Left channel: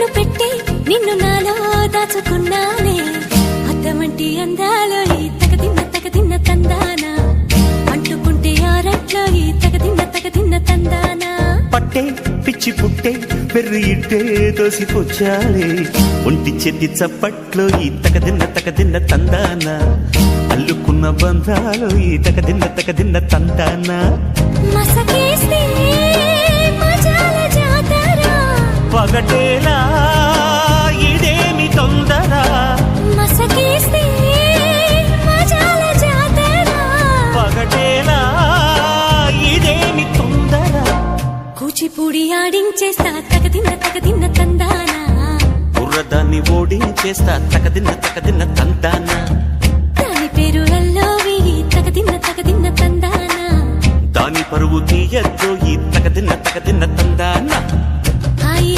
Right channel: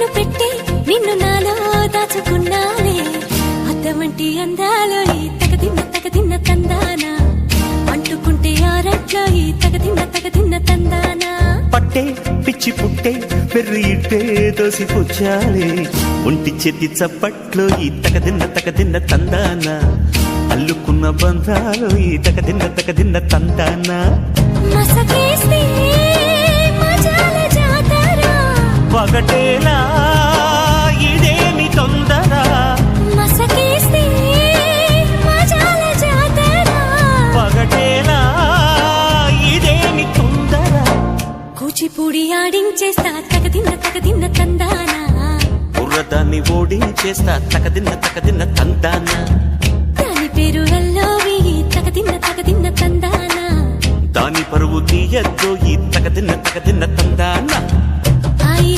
నన్ను పెట్టి నిన్ను నాలో దాచుకున్నానే అద్దవంటి అందాలో ఈ తగదిన్న తిన్న తందానా అంటుకుంటే ఆరట్లో ఈ తగదిన్న తిన్న తందానా పట్టే పిచ్చి పుట్టే పెర్రి ఇట్టే దోసిపోచాలే ఒంటి చెట్టి చప్పట్లో ఈ తగదిన్న తిన్న తందానా అల్లుకున్న బంధాలు ఈ తగదిన్న తిన్న తందానా మసకే ఒకటేలా ఇదేమి తొందర మసకేస్తే పగటేలా ఇదేమి తొందర కూచిపూడి ఆడించేస్తా తగదిన్న తగదిన్న తందానా బుర్రదాన్ని ఓడించేస్తా తగదిన్న తగదిన్న తందానా దాని పేరు అల్లోవి తగదిన్న తగదిన్న తందానా దాని పరువు తీయద్దో ఈ తగదిన్న తగదిన్న తందానా